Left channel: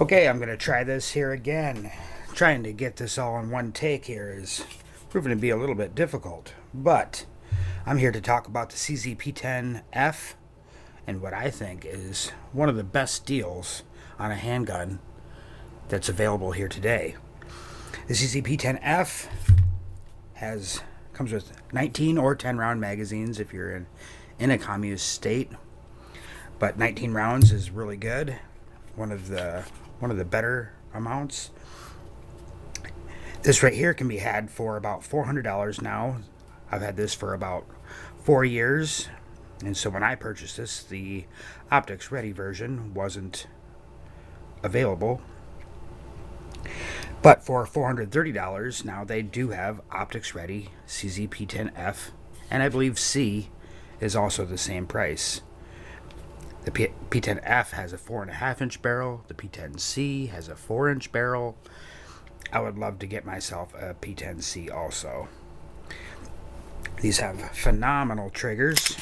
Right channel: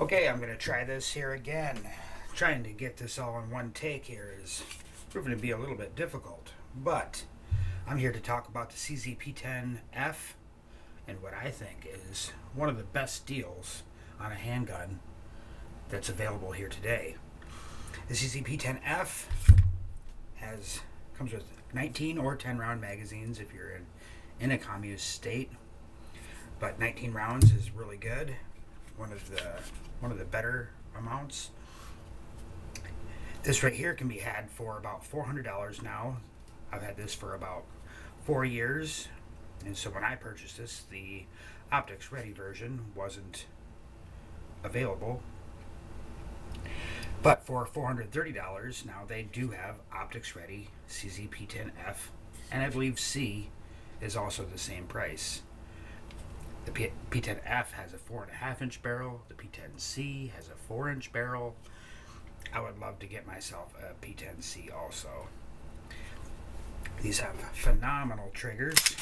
Okay, I'm going to try this here again. Trying to get this all in one take here is proving to be a little bit difficult, but I'm here to talk about the CZ P10F and what I think is one of the best deals on a handgun that's available here today. The CZ P10F comes with 19 or 10 round magazines if you're in a communist state, but 19 rounds is really good. One of the better amounts. This right here can be had for about $400 now. I've had this for about 4 years, and so when I purchased this, the optics ready version wasn't available. But for $430 now, they do have optics ready CZ P10F, and I believe C is also the same price. The P10F has a 4.5-inch barrel. The P10C has a 4-inch barrel. I would love to get myself a P10C also. These have phenomenal triggers.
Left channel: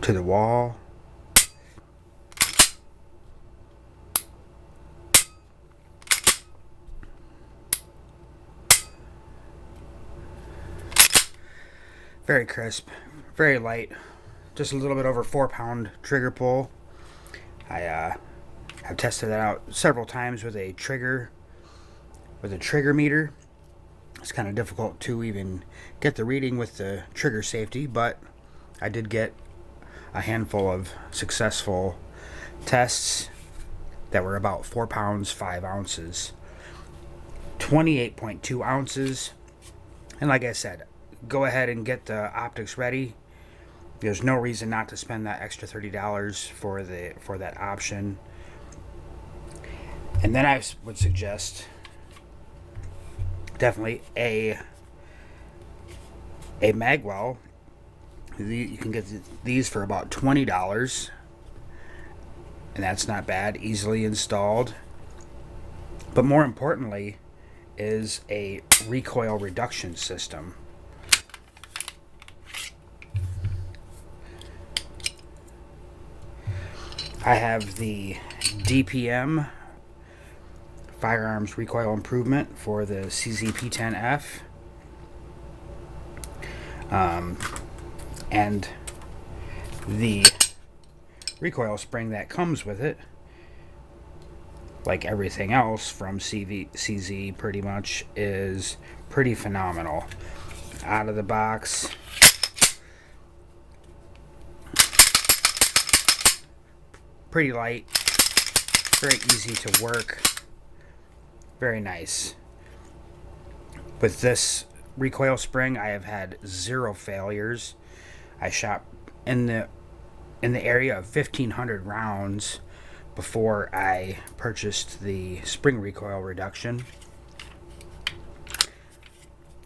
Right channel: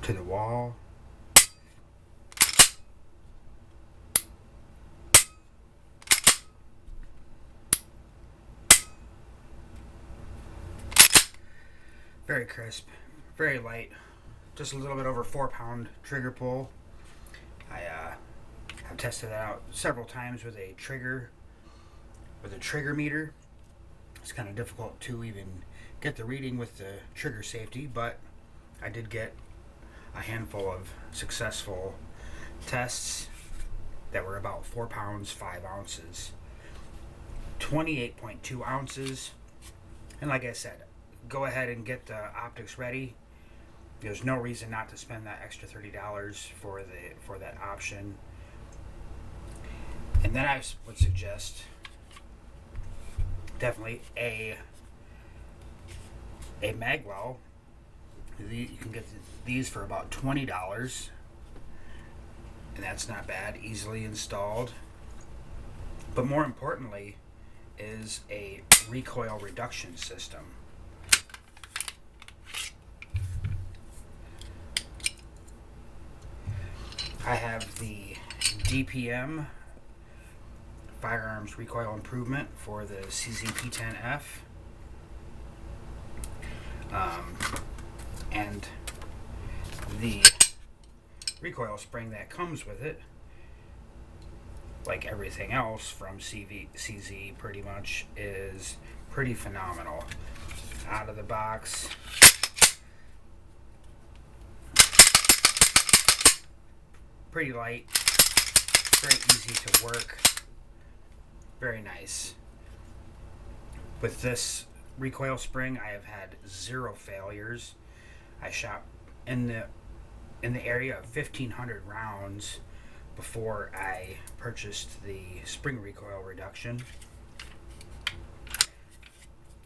To the wall. Very crisp. Very light, just a little bit over 4-pound trigger pull. I have tested that out several times with a trigger meter. It's kind of difficult to even get the reading with the trigger safety, but I did get a handful of successful tests that were about 4 pounds 5 ounces, 28.2 ounces, and like I said, go ahead and get the optics ready. There's no reason not to spend that extra $30 for that option. And then I would suggest definitely a magwell. You can get these for about $20, and that's not bad, easily installed. But more importantly is a recoil reduction system. I have the DPM firearms recoil improvement for the CZ P10F, and the recoil spring that comes with it, like everything else from CZ pretty much, is pretty phenomenal. Out of the box, pretty light, very easy to work, very nice. With this recoil spring, I have had 0 failures. I shot in the area of 1,500 rounds before I purchased the spring recoil reduction,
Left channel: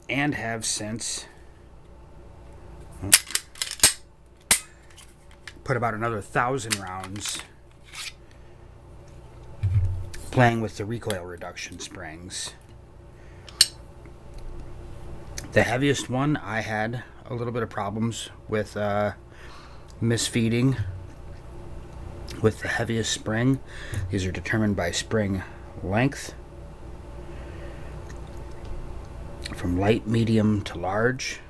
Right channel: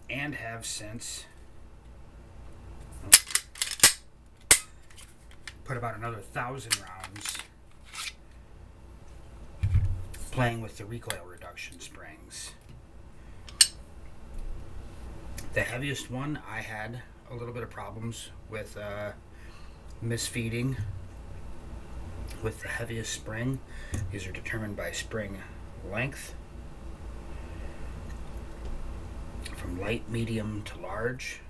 and have since put about another 1,000 rounds playing with the recoil reduction springs. The heaviest one, I had a little bit of problems with misfeeding with the heaviest spring. These are determined by spring length, from light, medium to large.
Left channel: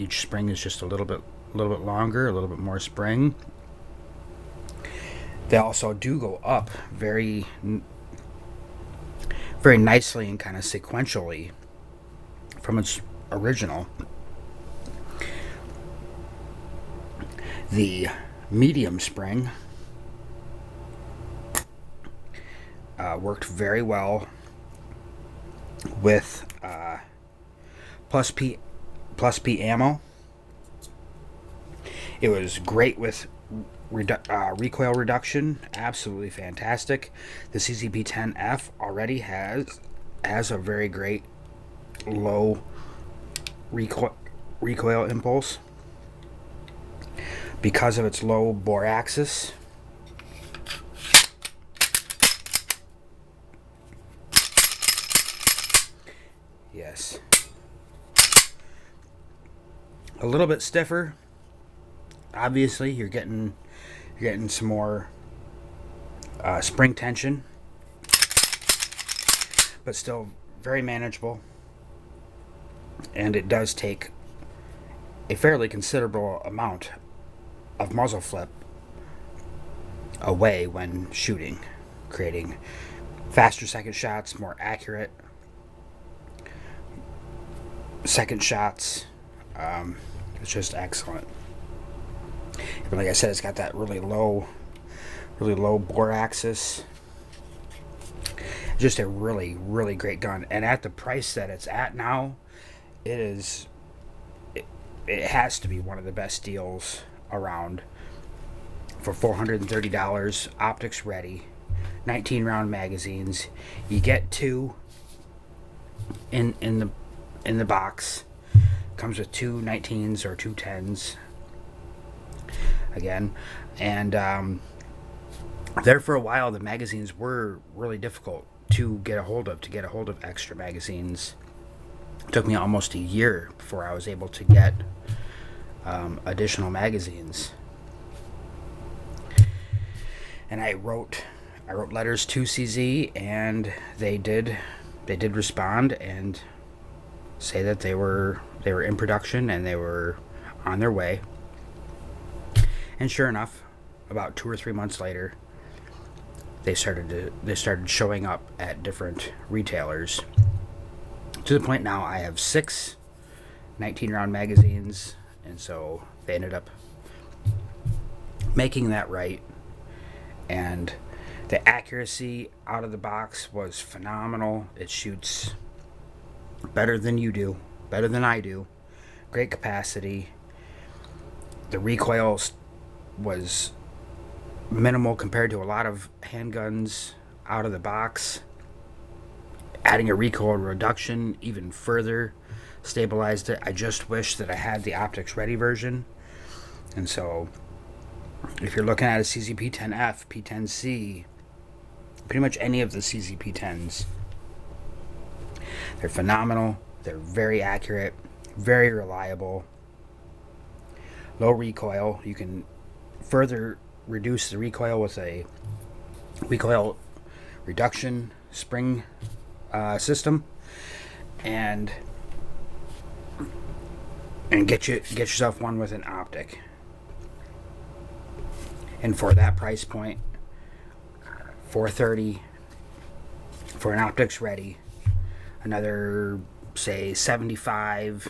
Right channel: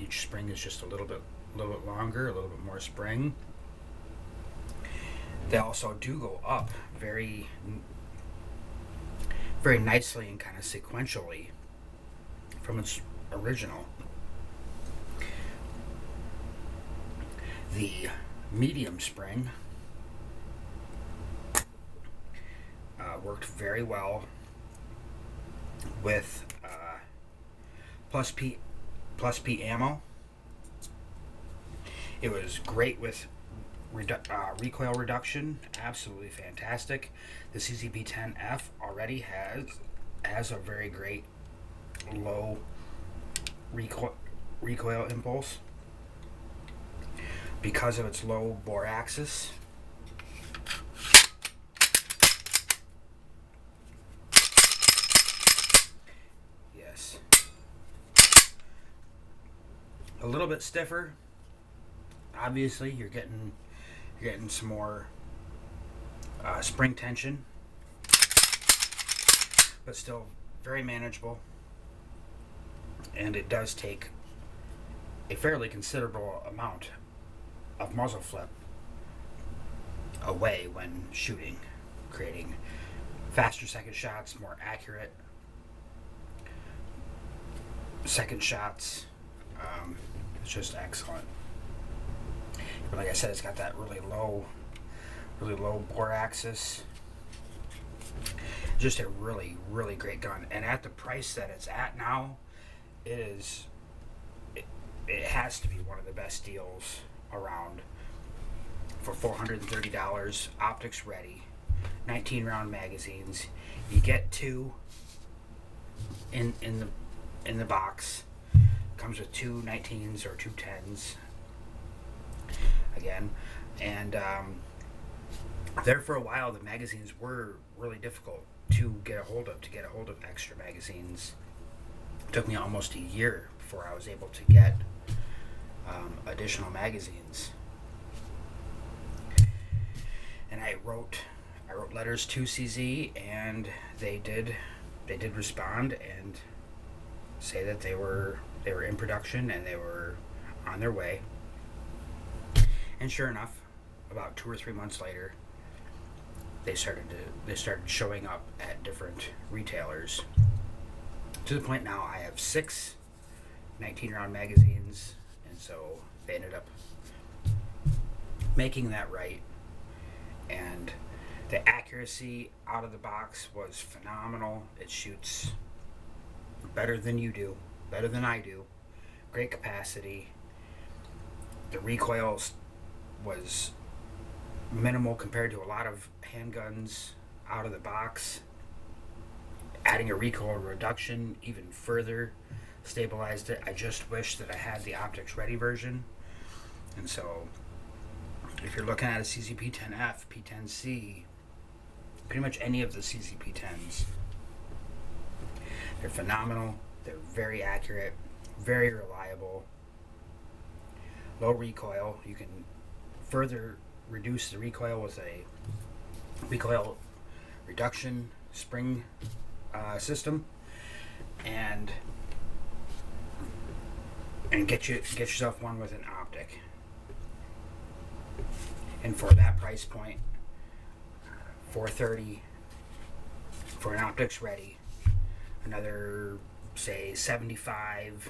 Each spring is just a little bit longer, a little bit more spring. They also do go up very nicely and kind of sequentially from its original. The medium spring worked very well with plus P ammo. It was great with recoil reduction, absolutely fantastic. The CZ P10F already has a very great low recoil impulse because of its low bore axis. Yes, a little bit stiffer. Obviously, you're getting some more spring tension, but still very manageable. And it does take a fairly considerable amount of muzzle flip away when shooting, creating faster second shots, more accurate second shots. It's just excellent. But like I said, it's got that really low bore axis. Just a really great gun, and at the price that it's at now, it has to be one of the best deals around. For $430, optics ready, 19 round magazines. You get two in the box. Comes with two 19s or two 10s again, and there for a while the magazines were really difficult to get a hold of extra magazines. It took me almost a year before I was able to get additional magazines. And I wrote letters to CZ, and they did respond and say that they were in production and they were on their way. And sure enough, about 2 or 3 months later, they started showing up at different retailers. To the point now I have 6 19 round magazines, and so they ended up making that right. And the accuracy out of the box was phenomenal. It shoots better than you do, better than I do. Great capacity. The recoil was minimal compared to a lot of handguns out of the box. Adding a recoil reduction even further stabilized it. I just wish that I had the optics ready version. And so if you're looking at a CZ P10F, P10C, pretty much any of the CZ P10s, they're phenomenal. They're very accurate, very reliable, low recoil. You can further reduce the recoil with a recoil reduction spring system, and get yourself one with an optic. And for that price point, $430 for an optics ready, another say $75,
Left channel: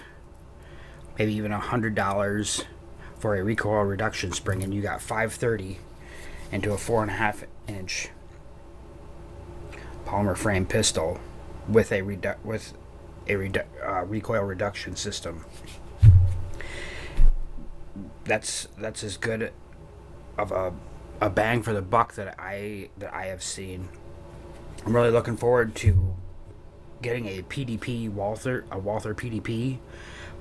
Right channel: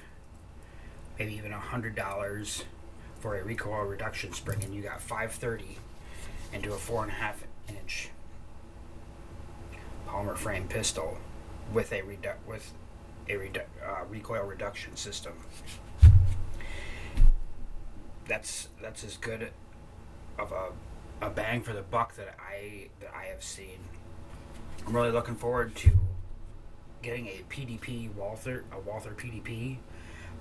maybe even $100 for a recoil reduction spring, and you got $530 into a 4.5 inch polymer frame pistol with a recoil reduction system. That's as good of a bang for the buck that I have seen. I'm really looking forward to getting a Walther PDP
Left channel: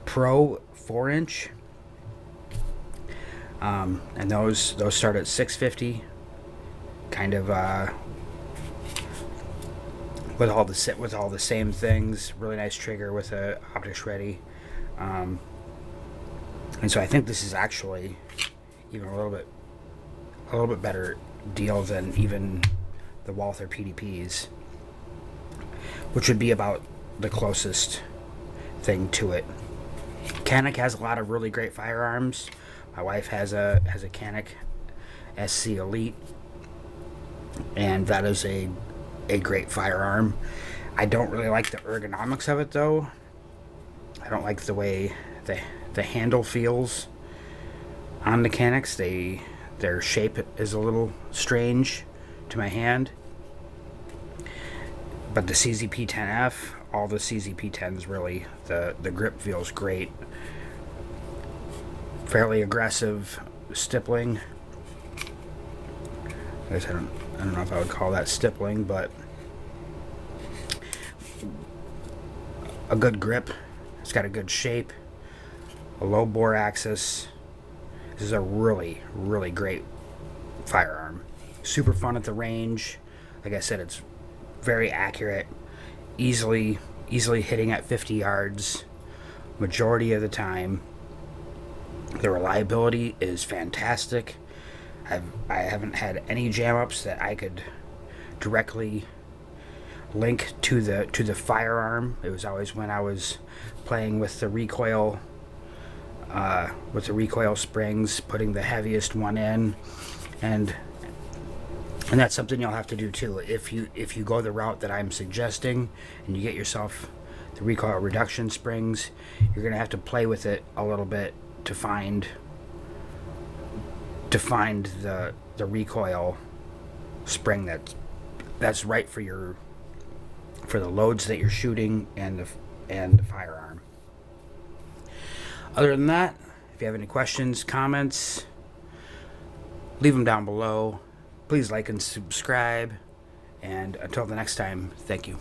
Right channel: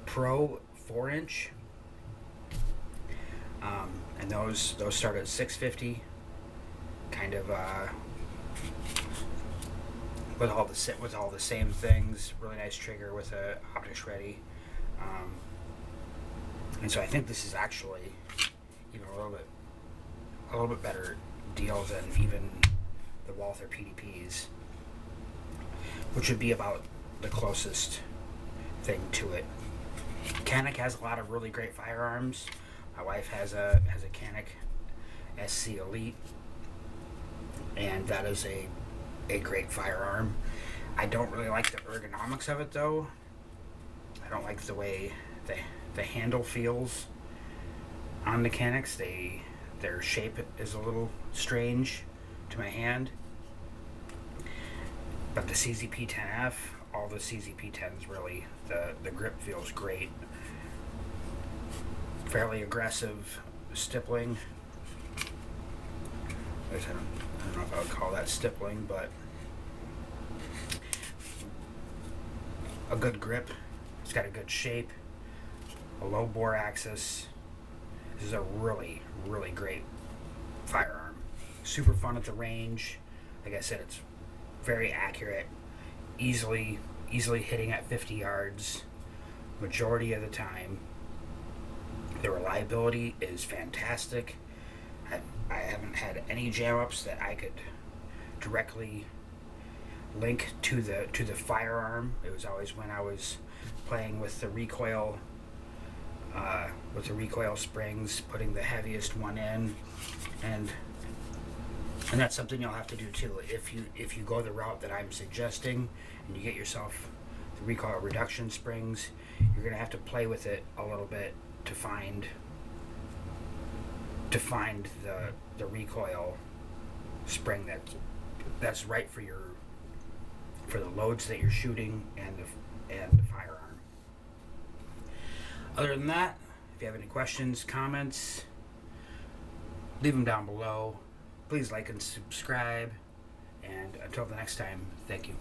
Pro 4-inch, and those start at $650, kind of with all the same things. Really nice trigger with a optics ready, and so I think this is actually even a little bit better deal than even the Walther PDPs, which would be about the closest thing to it. Canik has a lot of really great firearms. My wife has a Canik SC Elite, and that is a great firearm. I don't really like the ergonomics of it though. I don't like the way the handle feels on the Caniks. Their shape is a little strange to my hand. But the CZ P10F, all the CZ P10s really, the grip feels great. Fairly aggressive stippling. I don't know if I would call that stippling, but a good grip. It's got a good shape, a low bore axis. This is a really great firearm. Super fun at the range. Like I said, it's very accurate, easily hitting at 50 yards majority of the time. The reliability is fantastic. I haven't had any jam ups that I could directly link to the firearm. It was always when I was playing with the recoil springs, putting the heaviest one in, and that's something you'll have to do too. If you go the route that I'm suggesting and you get yourself the recoil reduction springs, you're gonna have to play with it a little bit to find the recoil spring that's right for the loads that you're shooting and the firearm. Other than that, if you have any questions, comments, leave them down below. Please like and subscribe. And until the next time, thank you.